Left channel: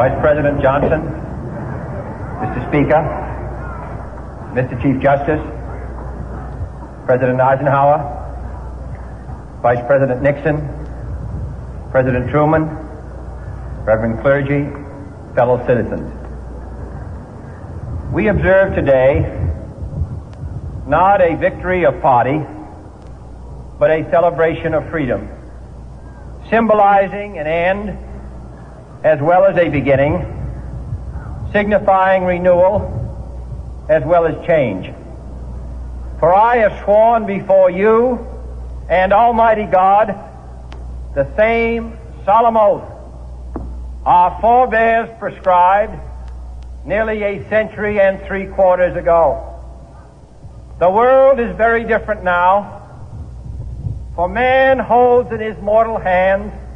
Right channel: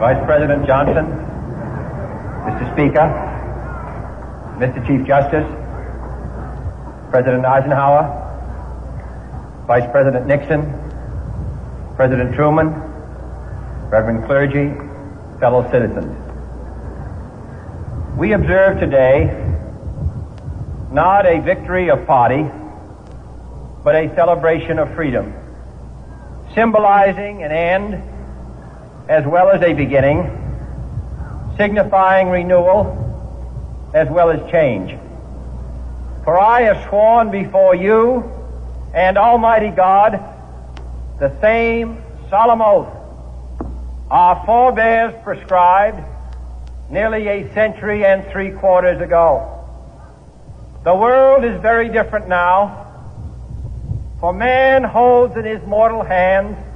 Vice President Johnson, Mr. Speaker, Mr. Chief Justice, President Eisenhower, Vice President Nixon, President Truman, Reverend clergy, fellow citizens. We observe today not a victory of party, but a celebration of freedom, symbolizing an end as well as a beginning, signifying renewal as well as change. For I have sworn before you and Almighty God the same solemn oath our forebears prescribed nearly a century and 3/4 ago. The world is very different now, for man holds in his mortal hands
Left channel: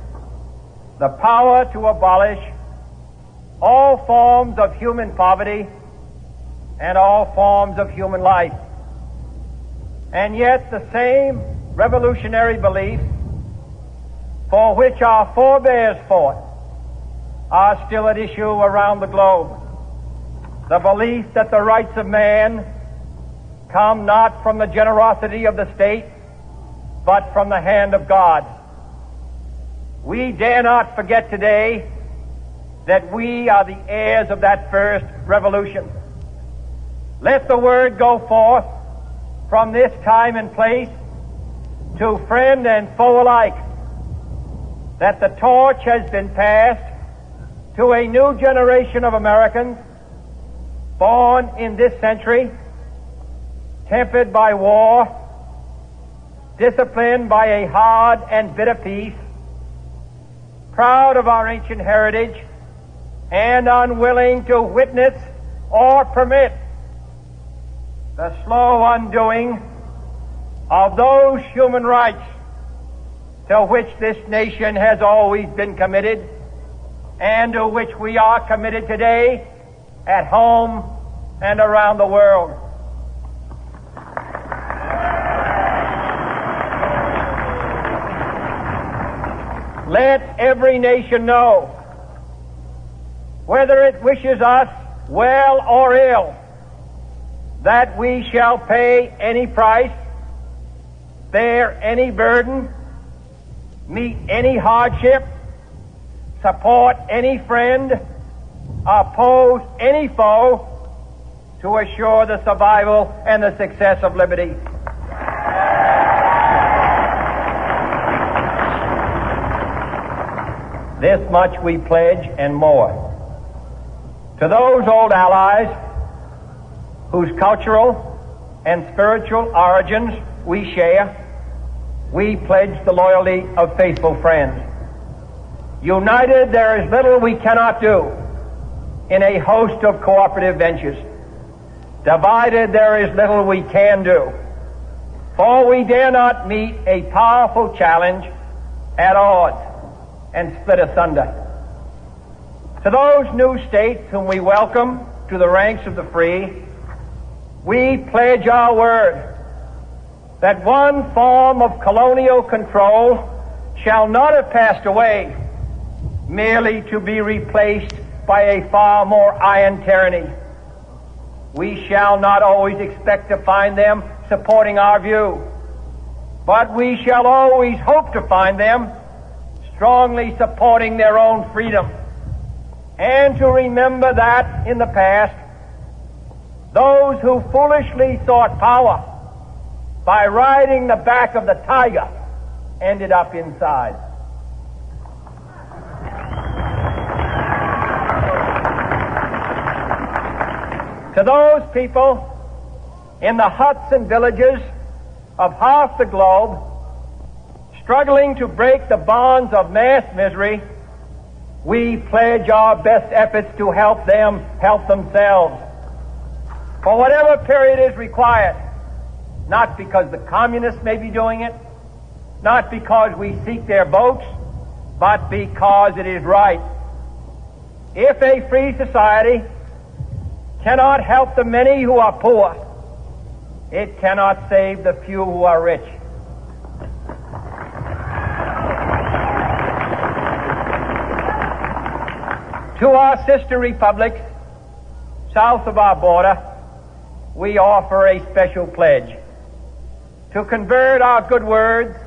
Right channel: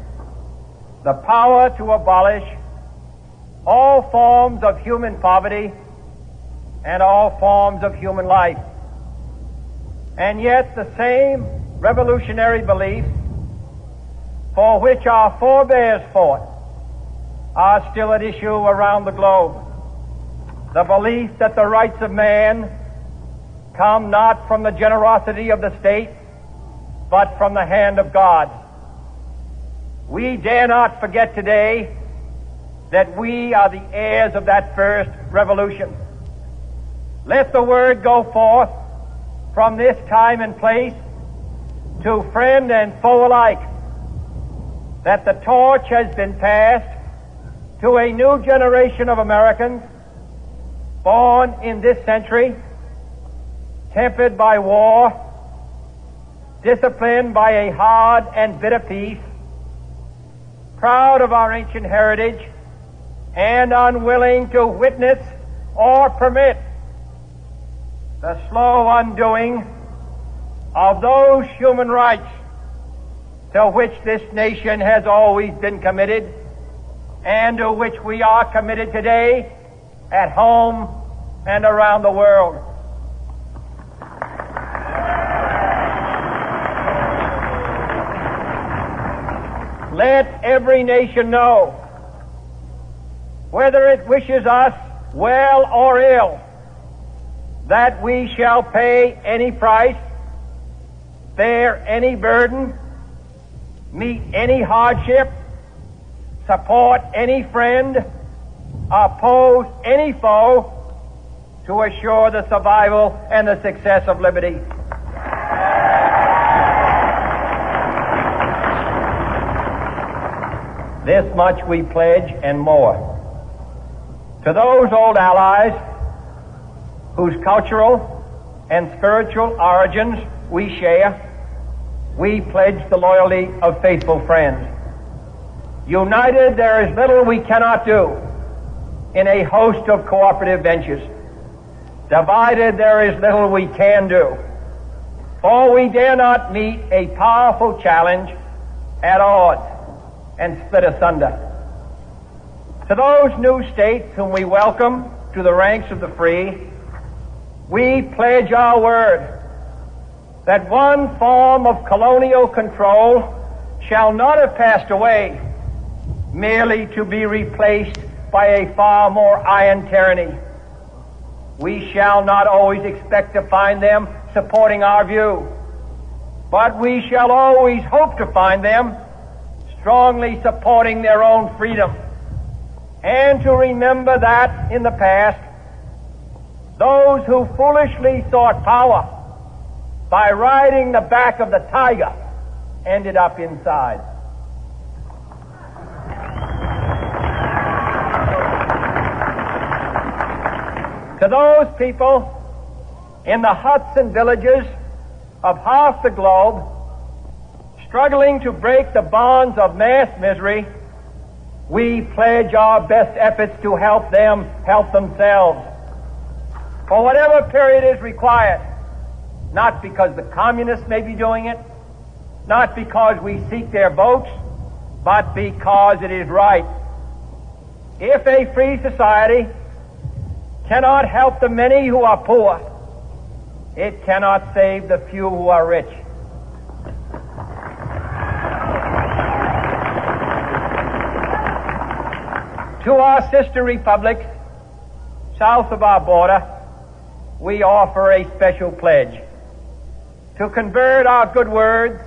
the power to abolish all forms of human poverty and all forms of human life. And yet the same revolutionary beliefs for which our forebears fought are still at issue around the globe. The belief that the rights of man come not from the generosity of the state, but from the hand of God. We dare not forget today that we are the heirs of that first revolution. Let the word go forth from this time and place to friend and foe alike that the torch has been passed to a new generation of Americans born in this century, tempered by war, disciplined by a hard and bitter peace, proud of our ancient heritage, and unwilling to witness or permit the slow undoing of those human rights to which this nation has always been committed and to which we are committed today at home and around the world. Let every nation know, whether it wishes us well or ill, that we shall pay any price, bear any burden, meet any hardship, support any friend, oppose any foe to assure the survival and the success of liberty. This much we pledge and more. To those old allies whose cultural and spiritual origins we share, we pledge the loyalty of faithful friends. United, there is little we cannot do in a host of cooperative ventures. Divided, there is little we can do, for we dare not meet a powerful challenge at odds and split asunder. To those new states whom we welcome to the ranks of the free, we pledge our word that one form of colonial control shall not have passed away, merely to be replaced by a far more iron tyranny. We shall not always expect to find them supporting our view, but we shall always hope to find them strongly supporting their own freedom, and to remember that in the past, those who foolishly sought power by riding the back of the tiger ended up inside. To those people in the huts and villages of half the globe struggling to break the bonds of mass misery, we pledge our best efforts to help them help themselves for whatever period is required, not because the communists may be doing it, not because we seek their votes, but because it is right. If a free society cannot help the many who are poor, it cannot save the few who are rich. To our sister republics south of our border, we offer a special pledge to convert our good words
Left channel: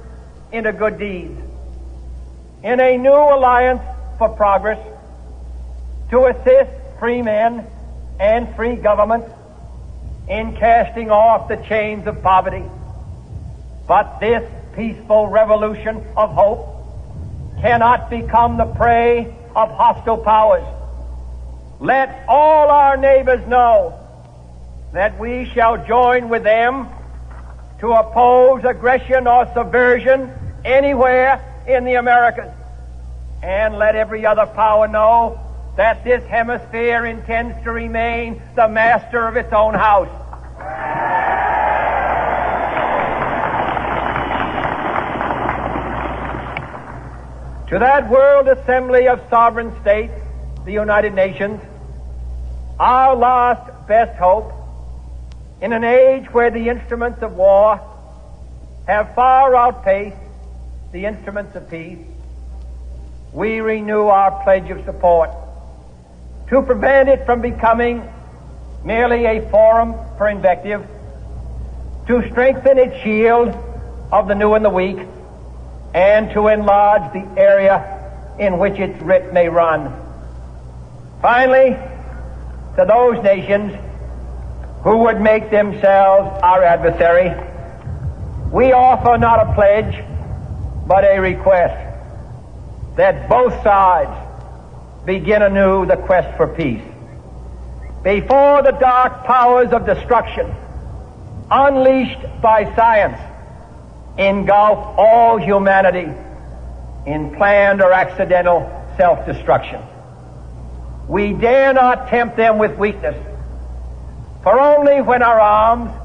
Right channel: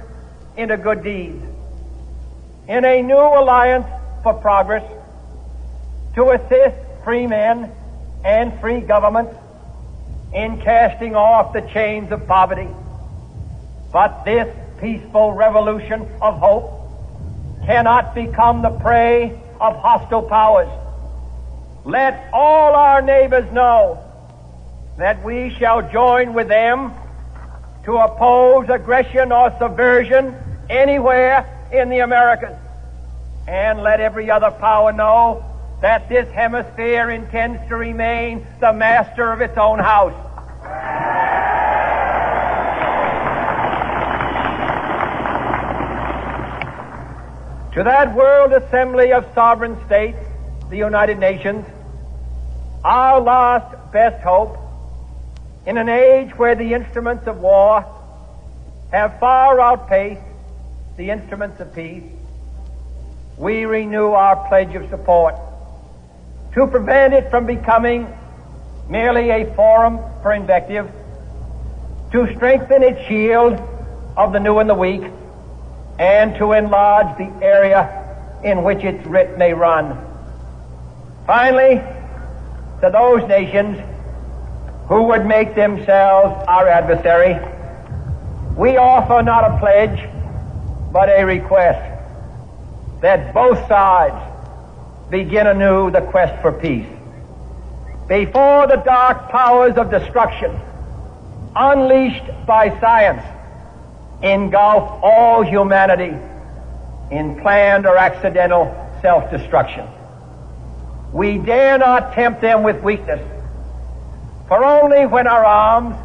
into good deeds, in a new alliance for progress, to assist free men and free governments in casting off the chains of poverty. But this peaceful revolution of hope cannot become the prey of hostile powers. Let all our neighbors know that we shall join with them to oppose aggression or subversion anywhere in the Americas. And let every other power know that this hemisphere intends to remain the master of its own house. To that World Assembly of Sovereign States, the United Nations, our last best hope, in an age where the instruments of war have far outpaced the instruments of peace, we renew our pledge of support to prevent it from becoming merely a forum for invective, to strengthen its shield of the new and the weak, and to enlarge the area in which its writ may run. Finally, to those nations who would make themselves our adversary, we offer not a pledge, but a request that both sides begin anew the quest for peace. Before the dark powers of destruction, unleashed by science, engulf all humanity in planned or accidental self-destruction, we dare not tempt them with weakness, for only when our arms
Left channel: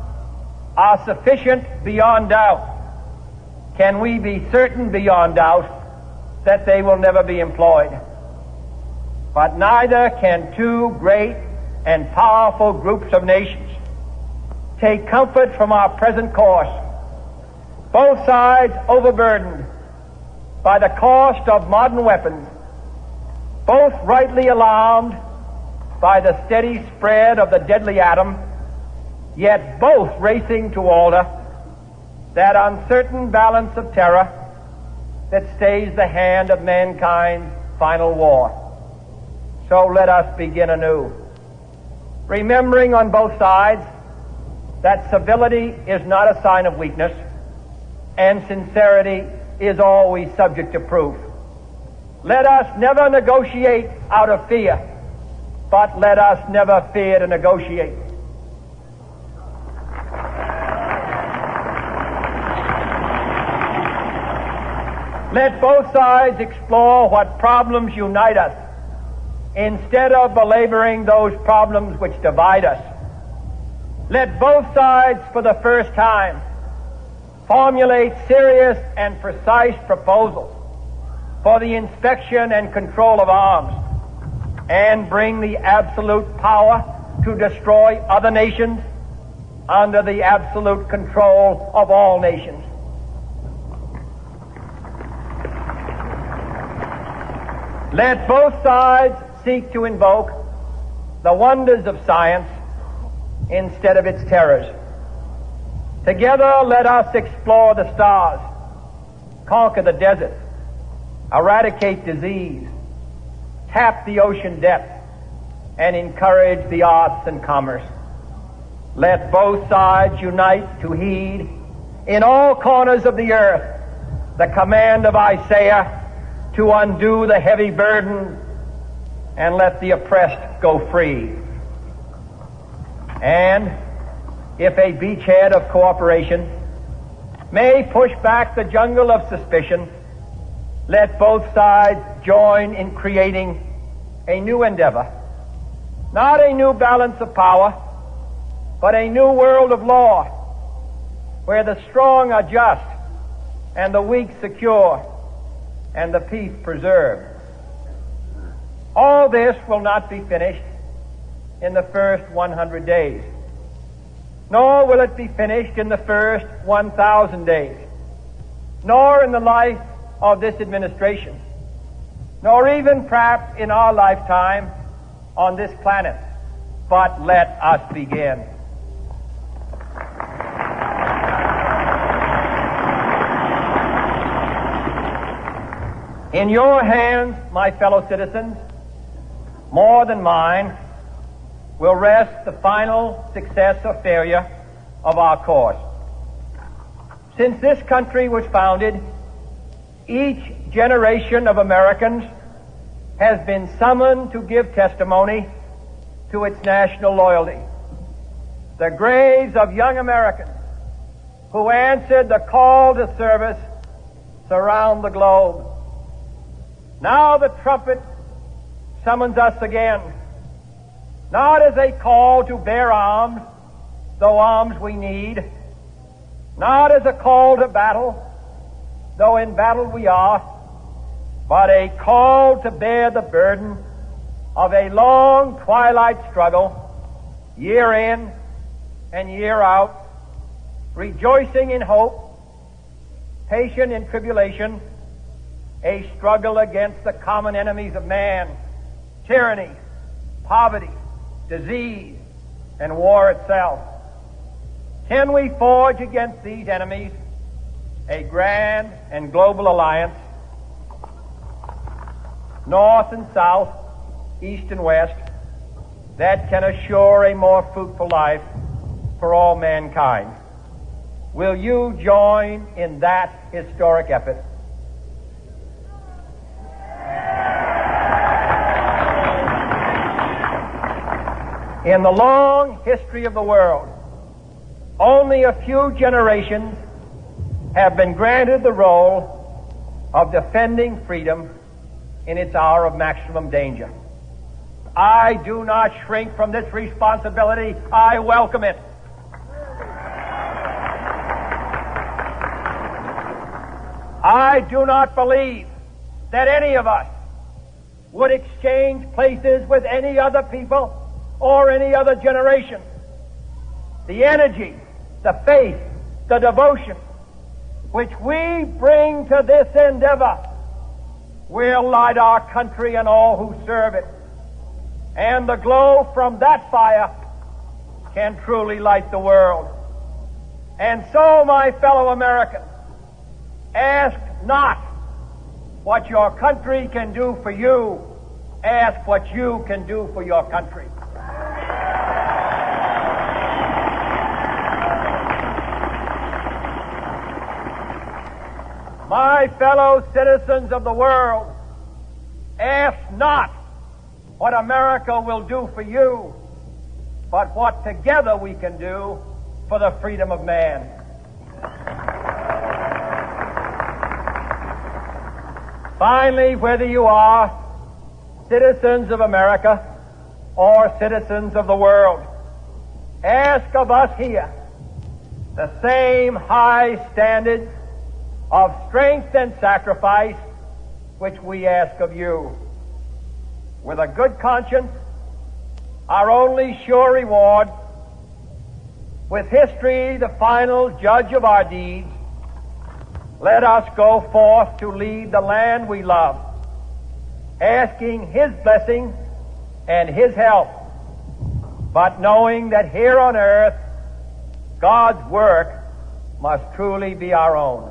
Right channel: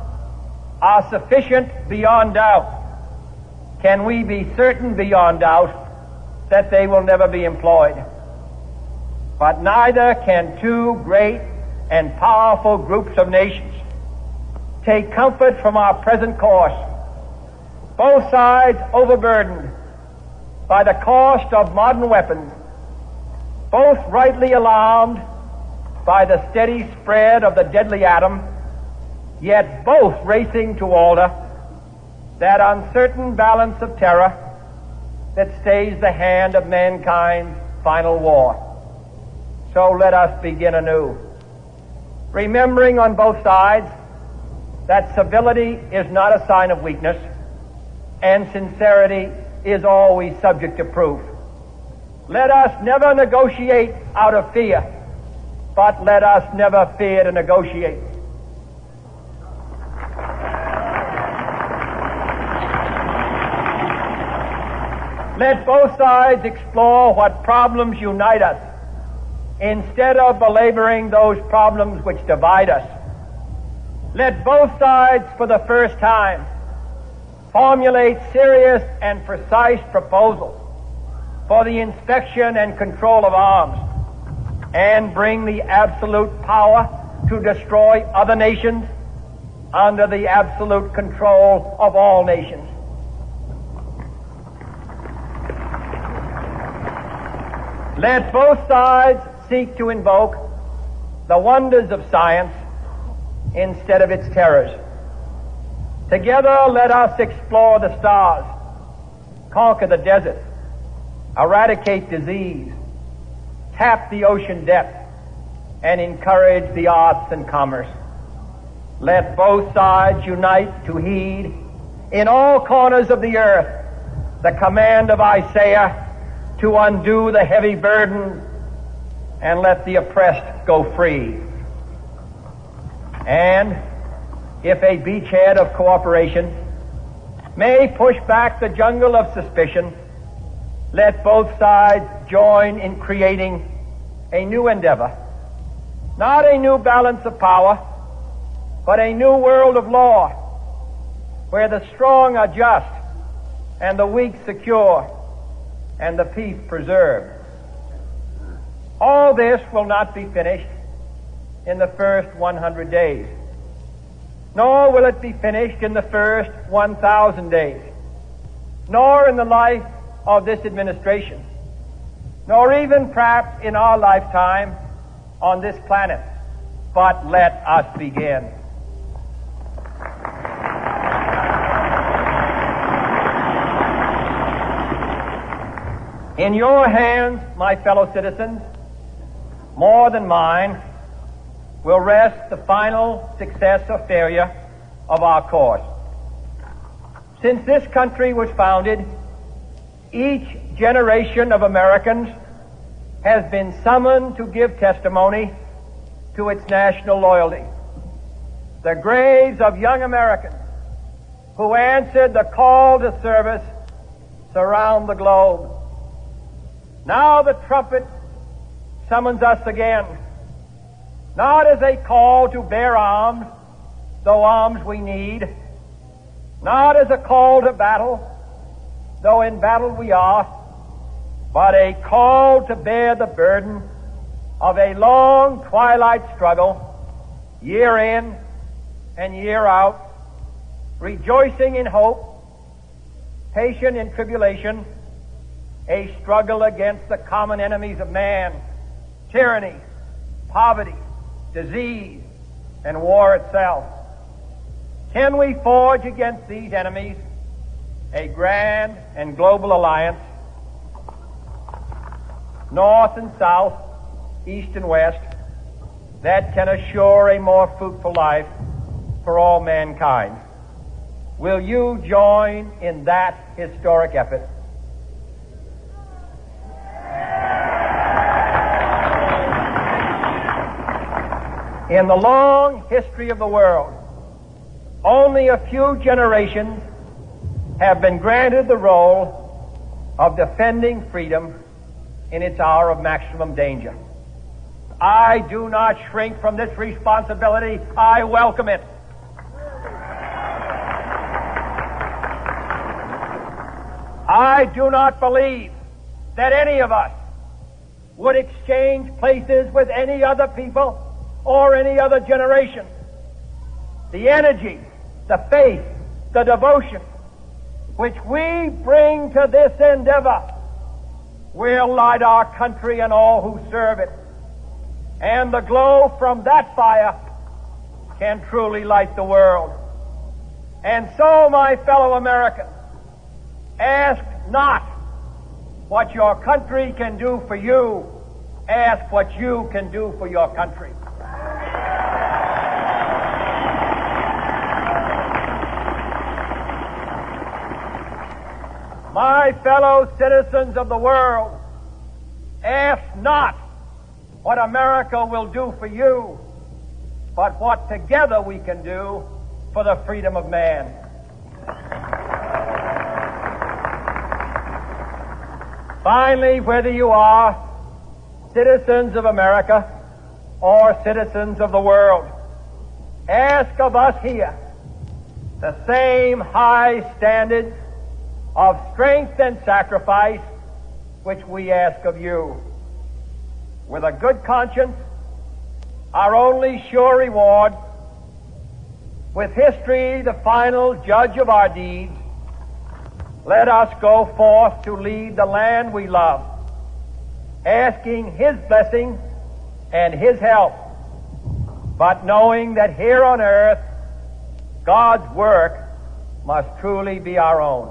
are sufficient beyond doubt can we be certain beyond doubt that they will never be employed. But neither can two great and powerful groups of nations take comfort from our present course, both sides overburdened by the cost of modern weapons, both rightly alarmed by the steady spread of the deadly atom, yet both racing to alter that uncertain balance of terror that stays the hand of mankind's final war. So let us begin anew, remembering on both sides that civility is not a sign of weakness, and sincerity is always subject to proof. Let us never negotiate out of fear, but let us never fear to negotiate. Let both sides explore what problems unite us, instead of belaboring those problems which divide us. Let both sides, for the first time, formulate serious and precise proposals for the inspection and control of arms, and bring the absolute power to destroy other nations under the absolute control of all nations. Let both sides seek to invoke the wonders of science instead of its terrors. Together, let us explore the stars, conquer the desert, eradicate disease, tap the ocean depth, and encourage the arts and commerce. Let both sides unite to heed in all corners of the earth the command of Isaiah to undo the heavy burden and let the oppressed go free. And if a beachhead of cooperation may push back the jungle of suspicion, let both sides join in creating a new endeavor, not a new balance of power, but a new world of law, where the strong are just and the weak secure and the peace preserved. All this will not be finished in the first 100 days, nor will it be finished in the first 1,000 days, nor in the life of this administration. nor even perhaps in our lifetime on this planet. But let us begin. In your hands, my fellow citizens, more than mine, will rest the final success or failure of our course. Since this country was founded, each generation of Americans has been summoned to give testimony to its national loyalty. The graves of young Americans who answered the call to service surround the globe. Now the trumpet summons us again, not as a call to bear arms, though arms we need, not as a call to battle, though in battle we are, but a call to bear the burden of a long twilight struggle, year in and year out, rejoicing in hope, patient in tribulation, a struggle against the common enemies of man, tyranny, poverty, disease, and war itself. Can we forge against these enemies a grand and global alliance, north and south, east and west, that can assure a more fruitful life for all mankind? Will you join in that historic effort? In the long history of the world, only a few generations have been granted the role of defending freedom in its hour of maximum danger. I do not shrink from this responsibility. I welcome it. I do not believe that any of us would exchange places with any other people or any other generation. The energy, the faith, the devotion which we bring to this endeavor will light our country and all who serve it. And the glow from that fire can truly light the world. And so, my fellow Americans, ask not what your country can do for you. Ask what you can do for your country. My fellow citizens of the world, ask not what America will do for you, but what together we can do for the freedom of man. Finally, whether you are citizens of America or citizens of the world, ask of us here the same high standard of strength and sacrifice which we ask of you. With a good conscience, our only sure reward, with history the final judge of our deeds, let us go forth to lead the land we love, asking His blessing and His help, but knowing that here on earth, God's work must truly be our own.